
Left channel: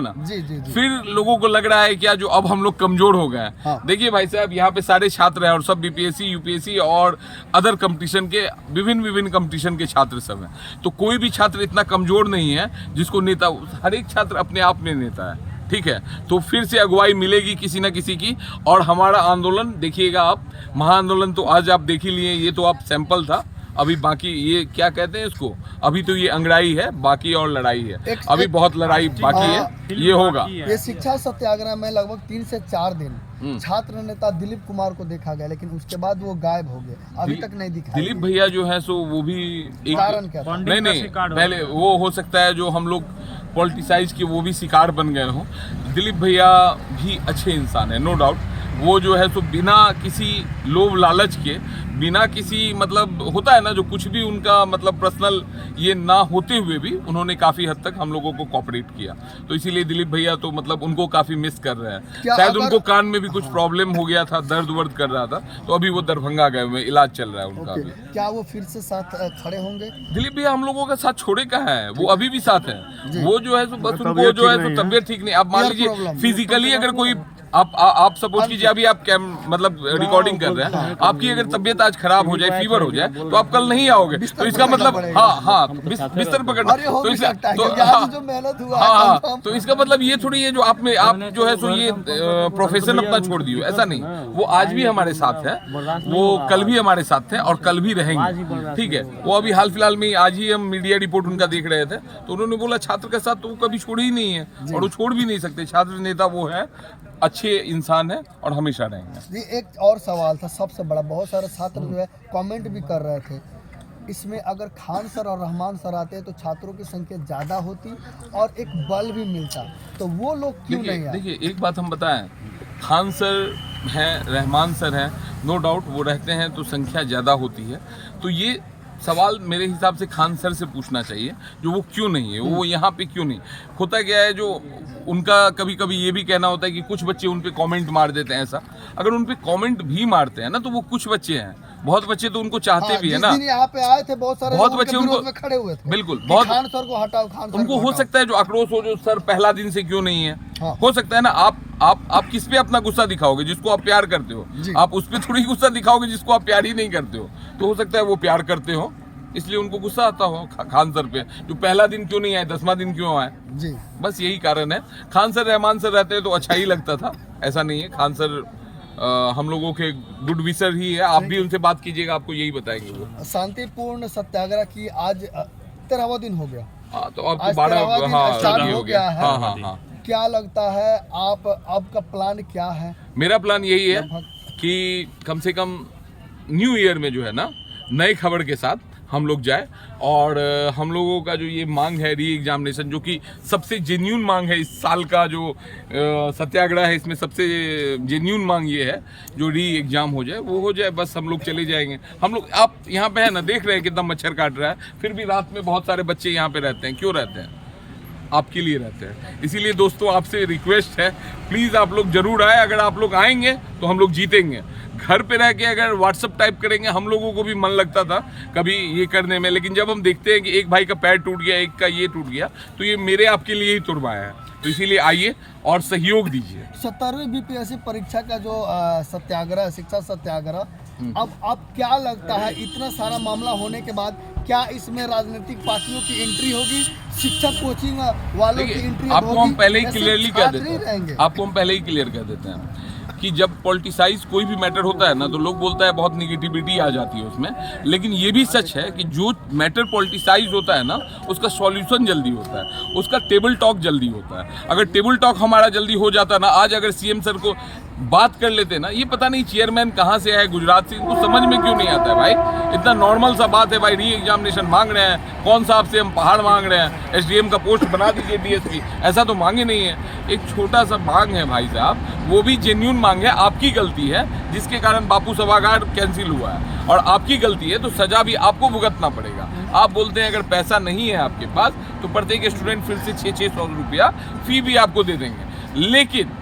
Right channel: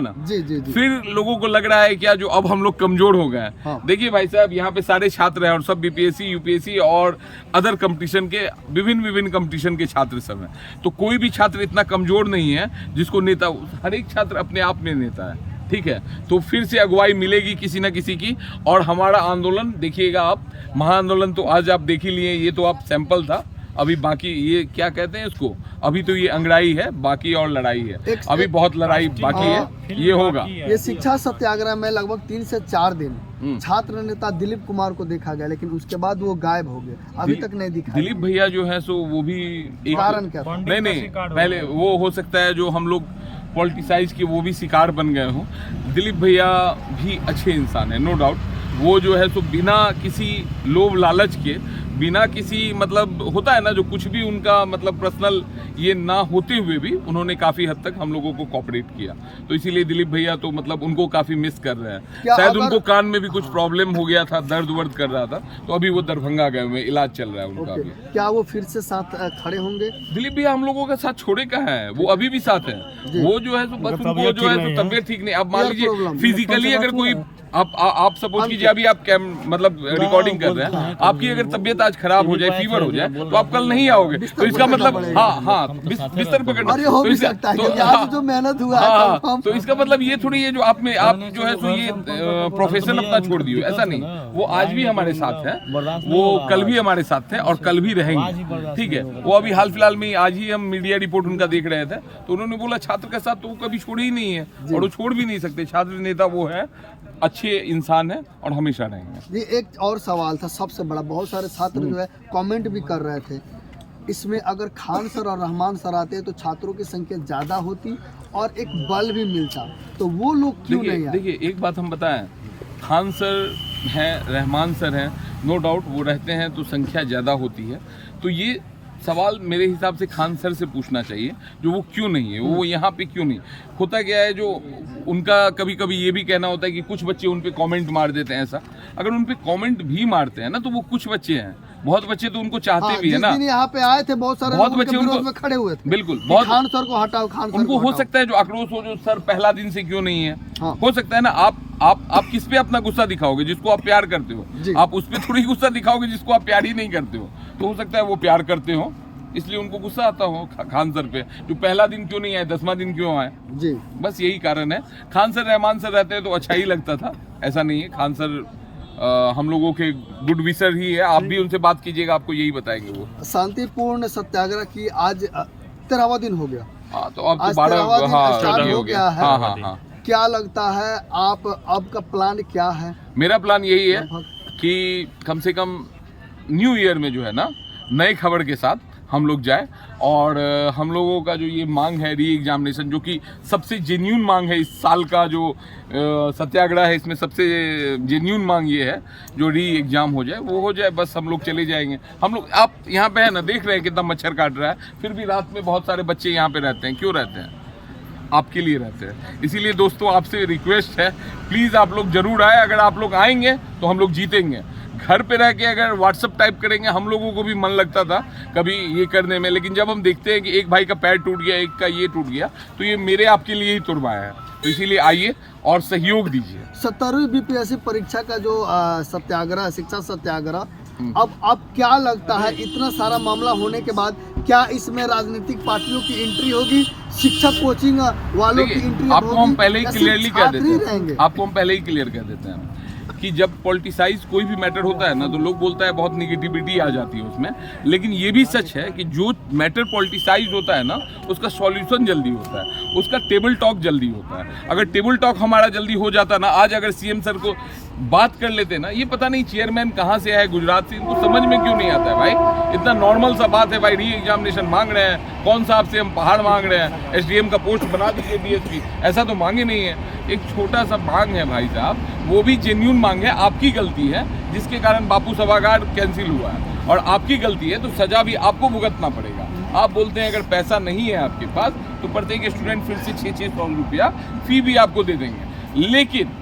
ना। जी। फिर लोगों को लग रहा है क्या जो अब हम लोग कमजोर हो गए हैं। हाँ। देखिए भाई साहब, यहाँ पे सारे छात्र हैं और सब बीपीएससी, यूपीएससी और अदर कंपटीशन के विभिन्न कंपटीशन के छात्र सब हैं। तो कोई भी छात्र इतना कमजोर नहीं है जिसको नेता, हर एक छात्र अपने आप में नेता है, ठीक है। तो फिर से अगुवाई मिलेगी किसी न किसी की, और हमारा आंदोलन देखिएगा आप, महाआंदोलन तो आज आप देख ही लिए, ये तो आप सैंपल था। अभी बाकी ये क्या कहते हैं इसको, अभी तो ये अंगड़ाई है, बाकी और लड़ाई है, अभी बहुत लड़ाई बाकी है, ये होगा। ये शिक्षा सत्याग्रह में लगभग 3 से 4 दिन छात्र नेता दिलीप कुमार को देखा गया, लेकिन उसके बाद वो गायब हो गए, अभी तक नहीं दिखा। दिलीप भैया जो है सो वो भी एक कारण क्या था? नहीं पहले वो हो सकता है जो हम लोग पॉलिटिसाइज के वो भी शिकार बन गए हों। दिलीप भैया भी अच्छे इंसान है, नो डाउट। वो जो है सो बिना किसी लोभ लालच के, बिना किसी मतलब होता है ना जो कुछ भी उनका मतलब पर्सनल ये ना होते हुए भी उन्होंने काफ़ी हद तक हम लोगों को कोऑपरेट किया। तो इसीलिए दिलीप भैया तो मतलब उनको काफ़ी मिस कर रहे हैं। शायद उनको कान में भी कुछ प्रॉब्लम हो गया था, दर्द वर्द कर रहा था, तो अभी वो दरभंगा गए हुए, इलाज चल रहा है उनका अभी। क्या वो फिर से साथ खड़े होंगे? दिलीप भैया हम लोगों का साथ छोड़े का है, वो अभी भी साथ है। वो जो है सो बस उनको जो है सो तबियत ठीक नहीं। अब मान लीजिए फिजिकली अगर कोई आप सपोज कीजिए अभी आप मतलब रिकॉर्डिंग कर रहे हैं, आपकी अगर तबियत आज खराब हो जाए, फीवर हो जाए, तो आप कल नहीं आओगे। तो इसका मतलब हाँ बिस्तर पकड़ना, तो इसका जो मेहनत हुआ हाँ, तो इसका मतलब ये थोड़ी है जो आप जो है सो ये प्रोफेशन अपना छोड़ दियो, ऐसा नहीं। वो आज भी हमारे साथ है, वो कल भी हमारे साथ थे और कल भी रहेंगे, ठीक है। वो अभी हाल फिलहाल में आज ही हम मीडिया रिपोर्ट उनका देख रहे थे, तो उन्होंने बोला छात्र के साथ तो वो कभी छोड़ी ही नहीं है और वो छोड़ भी नहीं सकते। छात्र नेता वो है, अच्छे इंसान है और हमेशा रहेंगे। जी एक और सवाल था सबसे बड़ा, बहुत सारे छात्र जो है कमेंट भी कर रहे थे इसमें, अगर खान सर और रहमान सर आते तो छात्रों की संख्या ज़्यादा होती और एक बल भी मिलता, तो वो लोग क्यों नहीं आए? देखिए एक बात हम बताएं, खान सर हैं, रहमान सर हैं, नो डाउट वो रहते हैं तो संख्या ज़्यादा होती है। तो ये सवाल मेरे हिसाब से खान सर से पूछना चाहिए जो वो क्यों नहीं है, वो यहाँ पे क्यों नहीं। होता क्या है जो उनका कभी कभी ये भी कहना होता है कि कुछ बच्चे उन पे कमेंट मार देते हैं। ऐसा अगर उन पे कमेंट भी मारते हैं ना तो वो कुछ बच्चे हैं, बहुत बच्चे तो उनको चाहते भी है ना। यहाँ पे आए थे बहुत सारे, बहुत बच्चे उनको खड़े हुए थे, बिल्कुल बहुत खान सर को हटाओ, खान सर उनको को हो हटाओ। सकता है जो आक्रोश हो जो सर पहला दिन से क्यों नहीं है। हाँ। हो सकता है ना आप किस पे अपना गुस्सा दिखाओगे, जिसको आप प्यार करते हो, आप उस पे थोड़ी गुस्सा दिखाओगे जिसको आप प्यार ही नहीं करते हो। तो हो सकता है वो प्यार करते हो इसलिए उनको गुस्सा आता हो खान सर पे, जो पहला दिन क्यों नहीं आए, 10वां दिन क्यों आए। जी बस यही कारण है। खान सर रहमान सर रहते हैं तो अच्छा ही लगता था, ऐसा नहीं है। खान सर हम लोगों के गुड विशर ही है, आप भी उनसे बात कीजिएगा, आपको यही बताएंगे वो। शांतिपूर्ण सत्याग्रह की आज 13वां दिन हो गया। हाँ तो अब तो आज 12 13वां दिन हो गया। है। हाँ। क्या लगता है आप अब का प्लान क्या है? मेरा प्लान यही है कि कम से कम न्यू ईयर में जो है ना नए खबर के साथ हम लोग जाए, और हम लोगों का जो ये मांग है री एग्जामिनेशन, जो कि सबसे जेन्यून मांग है इस साल का जो सत्याग्रह है, इसमें सबसे जेन्यून मांग ये है जो री एग्जाम हो जाए, वो हो जाए, बस हम लोग चले जाएंगे। हम लोग आप यहाँ पे है ना देख रहे हैं कितना मच्छर काट रहा है, फिर भी रात में बहुत सारे बच्चे यहाँ पे रहते हैं। क्यों रहते हैं? आपके लिए रहते हैं। इसीलिए दोस्तों आपसे रिक्वेस्ट है, प्लीज़ आप लोग जरूर आए। अगर आप लोग आएंगे तो हम लोग जीतेंगे। घर पे रह के अगर व्हाट्सअप टाइप करेंगे, हम लोगों को भी मन लगता था कभी ये करने में, लेकिन जब हम देखते हैं कि एक भाई का पैर टूट गया, एक का ये टूट गया, तो ये मेरे आपके लिए ही तुड़वाया है। तो इसीलिए आइए और सहयोग दीजिए। 17वीं बीपीएससी परीक्षा का जो सत्याग्रह, शिक्षा सत्याग्रह, अब क्या लगता है इतना सारा मामला होने के बाद क्या इसमें राजनीतिक पार्टियों की एंट्री होगी, शिक्षक कोचिंग वालों की एंट्री होगी? आपको हम पहले ही क्लियरली कह देते हैं, आपको हम पहले ही क्लियर कह देते हैं कि जब पॉलिटिसाइज कोई भी मैटर होता है ना तो लोग बोलता है बहुत निगेटिविटी आ जाती है उसमें, लेकिन ये भी सच है कि जो मैटर पॉलिटिसाइज होता है ना उसका सॉल्यूशन जल्दी होता है, उसका टेबल टॉक जल्दी होता है। अगर टेबल टॉक हमारा जल्दी हो जाता ना, आज अगर सीएम सर को बात कर लेते ना, ये पता नहीं चेयरमैन कहाँ से है, गुजरात से, इनको समझ में क्यों नहीं आता है भाई। इतना नॉर्मल सा बात है भाई, री एग्जामिनेशन मांग रहे हैं, कौन सा आपसे हम पहाड़ मांग रहे हैं, एसडीएम का पोस्ट बना दीजिए डीएसपी, ऐसा तो मांगे नहीं है। एक छोटा सा मांग है भाई साहब, वो भी जेन्यून मांग है, आपकी गलती है जिसके कारण बापू सभागार कैंसिल हुआ है। और आपकी गलती है तो सजा भी आपको भुगतना पड़ेगा। आप बोलते हैं अगर पैसा नहीं है आपके पास तो प्रत्येक स्टूडेंट फिर से 600 रुपया फी भी आपको दे देंगे, लेकिन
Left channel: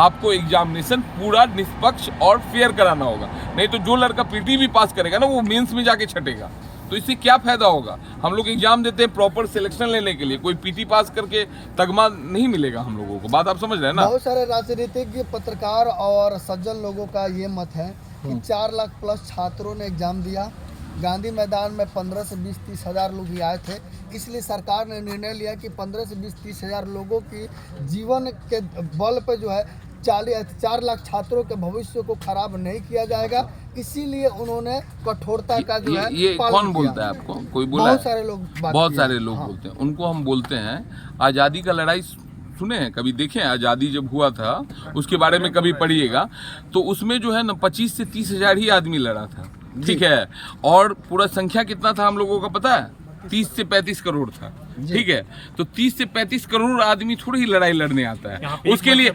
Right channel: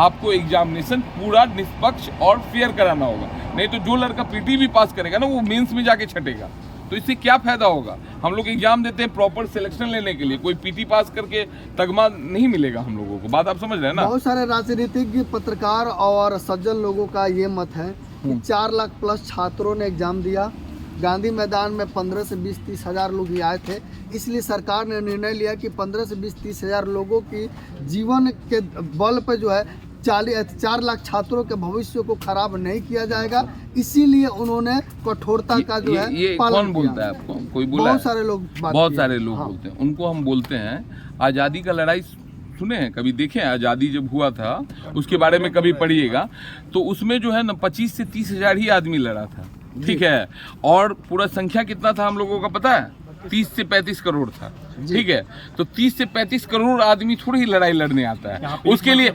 आपको एग्जामिनेशन पूरा निष्पक्ष और फेयर कराना होगा। नहीं तो जो लड़का पीटी भी पास करेगा ना वो मेंस में जाके छटेगा, तो इससे क्या फायदा होगा। हम लोग एग्जाम देते हैं प्रॉपर सिलेक्शन लेने के लिए, कोई पीटी पास करके तगमा नहीं मिलेगा हम लोगों को। बात आप समझ रहे हैं ना। बहुत सारे राजनीतिज्ञ, पत्रकार और सज्जन लोगों का ये मत है कि 4 लाख प्लस छात्रों ने एग्जाम दिया। गांधी मैदान में 15 से 20-30 हज़ार लोग ही आए थे, इसलिए सरकार ने निर्णय लिया कि 15 से 20-30 हज़ार लोगों की जीवन के बल पर जो है 4 लाख छात्रों के भविष्य को खराब नहीं किया जाएगा। इसीलिए उन्होंने कठोरता का जो है ये पालन कौन किया। बोलता है आपको? कोई बोला है? बहुत सारे लोग बहुत सारे लोग बोलते हैं। उनको हम बोलते हैं आज़ादी का लड़ाई सुने हैं, कभी देखे हैं? आज़ादी जब हुआ था उसके बारे में कभी पढ़िएगा तो उसमें जो है ना 25 से 30 हज़ार ही आदमी लड़ा था, ठीक है। और पूरा संख्या कितना था हम लोगों का पता है? 30 से 35 करोड़ था, ठीक है। तो 30 से 35 करोड़ आदमी थोड़ी ही लड़ाई लड़ने आता है। उसके लिए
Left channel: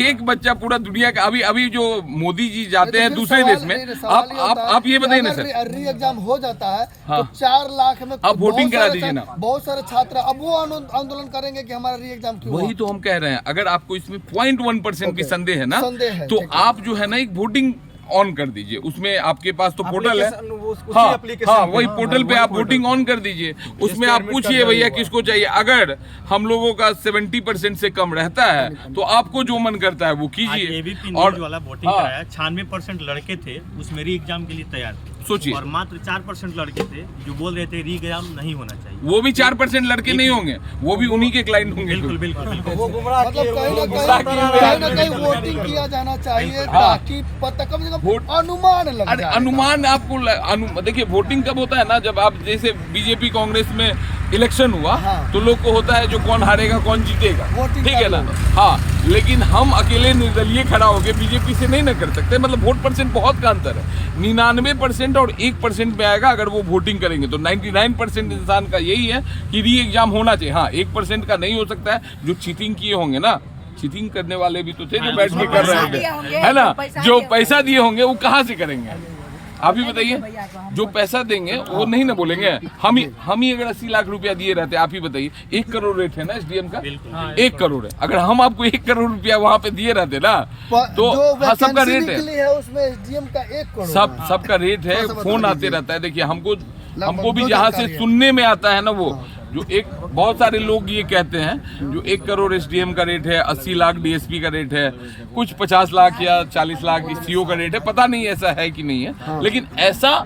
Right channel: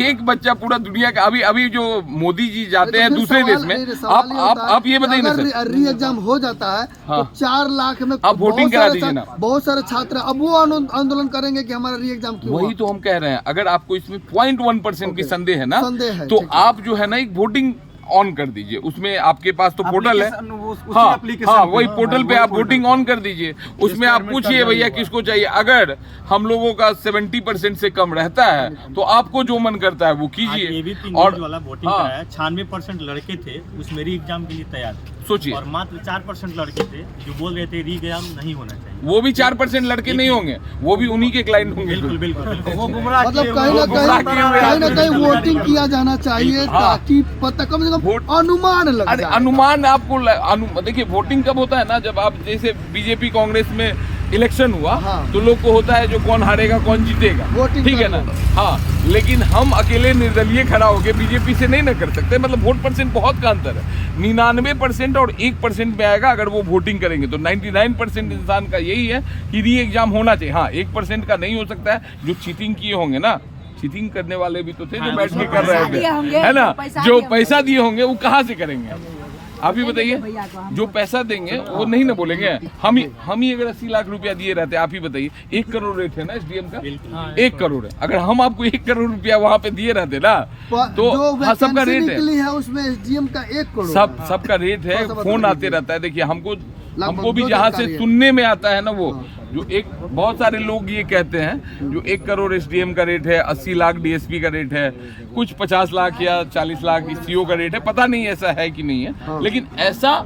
एक बच्चा पूरा दुनिया का अभी जो मोदी जी जाते हैं दूसरे देश में, आप ये बताइए ना सर, री एग्जाम हो जाता है हाँ। तो 4 लाख में आप वोटिंग करा दीजिए ना। बहुत सारे छात्र अब वो आंदोलन करेंगे कि हमारा री एग्जाम क्यों वही तो हम कह रहे हैं। अगर आपको इसमें 0.1% भी संदेह है ना, संदेह है, तो ठीक है। आप जो है ना एक वोटिंग ऑन कर दीजिए। उसमें आपके पास तो पोर्टल है, हाँ वही पोर्टल पे आप वोटिंग ऑन कर दीजिए। उसमें आप पूछिए भैया किसको चाहिए। अगर हम लोगों का 70% से कम रहता है तो आपको जो मन करता है वो कीजिए। और वाला वोटिंग कराया 96% लड़के थे उस मेरी एग्जाम के लिए तैयार थे। सोचिए, और मात्र 4% लड़के थे जो बोल रहे थे री एग्जाम नहीं होना चाहिए। वो भी 4% लड़के नहीं होंगे, वो भी उन्हीं के क्लाइंट होंगे। बिल्कुल बिल्कुल मतलब कहीं ना कहीं वोटिंग किया जाना चाहिए ताकि पता कम से कम अनुमान लग अरे जाए। अनुमान आपको देखिए वोटिंग कब होता है ना, जब आप जैसे बीजेपी कांग्रेस में इलेक्शन हुआ हाँ। तो लोग को होता है जो कौन हारेगा कौन जीतेगा, वोटिंग ठीक है ना। हाँ, लेकिन हम अकेले निर्दलीय खड़ा होके बीजेपी से नहीं ना कर सकते। मतलब वोट परसेंट बहुत का अंतर है। 99% और 1% में आएगा अगर वो वोटिंग करेंगे। तो 99% इंसान का यही है कि री एग्जाम होना चाहिए। हाँ, 1% का नहीं हो सकता है। जो चीटिंग किए होंगे ना, चीटिंग करने वाले भी तो थे जो बैठ के कर रहे थे, है ना। जो पैसा दिए होंगे वो कहाँ से करेंगे आप ही बताइए। जो पैसा देंगे वो नहीं ना बोलेंगे। हम ही अगर 80 लाख रुपया दिए रहते, आप ही बताइए, 1 करोड़ रेट है ना एसडीएम का, 1 करोड़ है। अगर हम आपको 1 करोड़ रुपया वहाँ पे दिए रहते ना तो हाँ, सबका रेट है, उसमें एसडीएम का 1 करोड़ सबका रेट है। फोन आते रहता है। देखिए हमको भी जहाँ से सुनने में आता है ना, वो जो बहुत सारे लोग ये कहते हैं जो 1 करोड़ एसडीएम का रेट है, 80 लाख डीएसपी का रेट है, कुछ 50 लाख या 40 लाख सीओ का रेट है। पता नहीं ऐसा है कि नहीं है, लेकिन ऐसा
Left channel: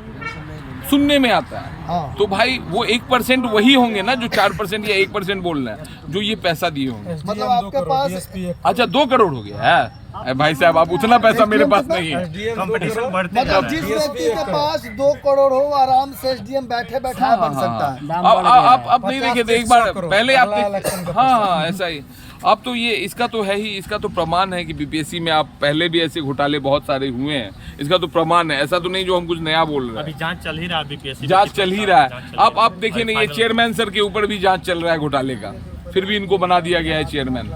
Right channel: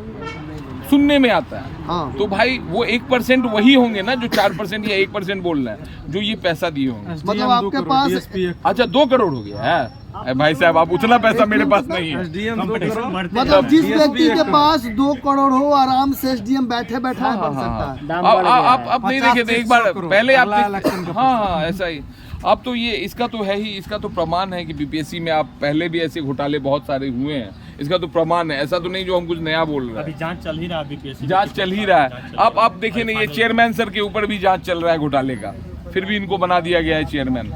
सुनने में आता है। हाँ। तो भाई वो 1% वही होंगे ना जो 4% या 1% बोल रहे हैं, जो ये पैसा दिए होंगे। मतलब आपके पास अच्छा 2 करोड़ हो गया है। भाई साहब आप उतना पैसा मेरे पास नहीं है। कंपटीशन बढ़ते मतलब जिस व्यक्ति के पास 2 करोड़ हो आराम से एसडीएम बैठे बन सकता है। आप नहीं देखे थे एक बार पहले आप हाँ ऐसा ही। अब तो ये इसका तो है ही, इसका तो प्रमाण है कि बीपीएससी में आप पहले भी ऐसे घोटाले बहुत सारे हुए हैं। इसका तो प्रमाण है, ऐसा तो नहीं जो हम कुछ नया बोल रहे हैं। अभी जांच चल ही रहा है बीपीएससी, जांच चल ही रहा है। आप देखिए ना, ये चेयरमैन सर के ऊपर भी जांच चल रहा है घोटाले का, फिर भी इनको बना दिया गया है चेयरमैन।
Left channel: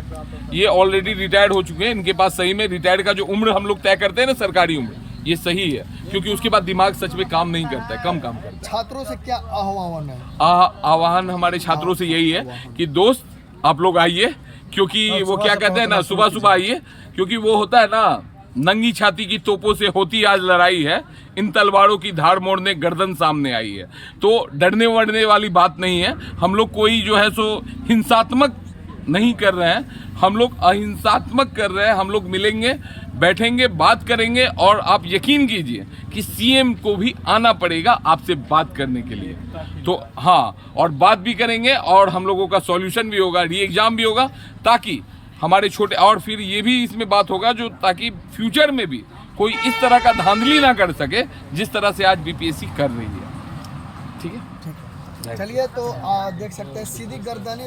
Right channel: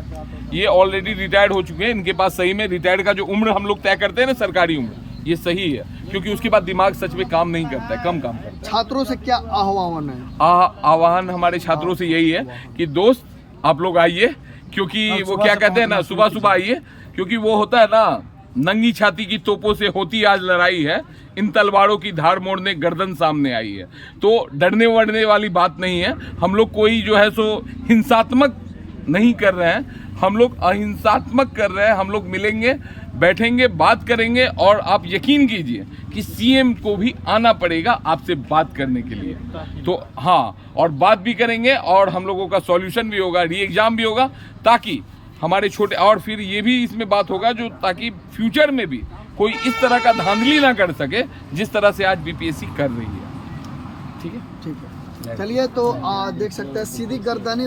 ये ऑलरेडी रिटायर्ड हो चुके हैं। इनके पास सही में रिटायर्ड का जो उम्र हम लोग तय करते हैं ना, सरकारी उम्र, ये सही है, क्योंकि उसके बाद दिमाग सच में काम नहीं करता है, कम काम करता है। छात्रों से क्या आह्वान है? आह्वान हमारे छात्रों से यही है कि दोस्त आप लोग आइए, क्योंकि वो क्या कहते हैं ना, सुबह सुबह आइए, क्योंकि वो होता है ना, नंगी छाती की तोपों से होती आज लड़ाई है, इन तलवारों की धार मोड़ने गर्दन सामने आई है। तो डरने वरने वाली बात नहीं है। हम लोग कोई जो है सो हिंसात्मक नहीं कर रहे हैं, हम लोग अहिंसात्मक कर रहे हैं। हम लोग मिलेंगे, बैठेंगे, बात करेंगे, और आप यकीन कीजिए कि सीएम को भी आना पड़ेगा आपसे बात करने के लिए। तो हाँ, और बात भी करेंगे और हम लोगों का सॉल्यूशन भी होगा, री एग्जाम भी होगा, ताकि हमारे छोटे, और फिर ये भी इसमें बात होगा जो ताकि फ्यूचर में भी कोई इस तरह का धांधली ना कर सके जिस तरह से आज बीपीएससी कर रही है। ठीक है, चलिए, तो देख सकते हैं सीधी गर्दनी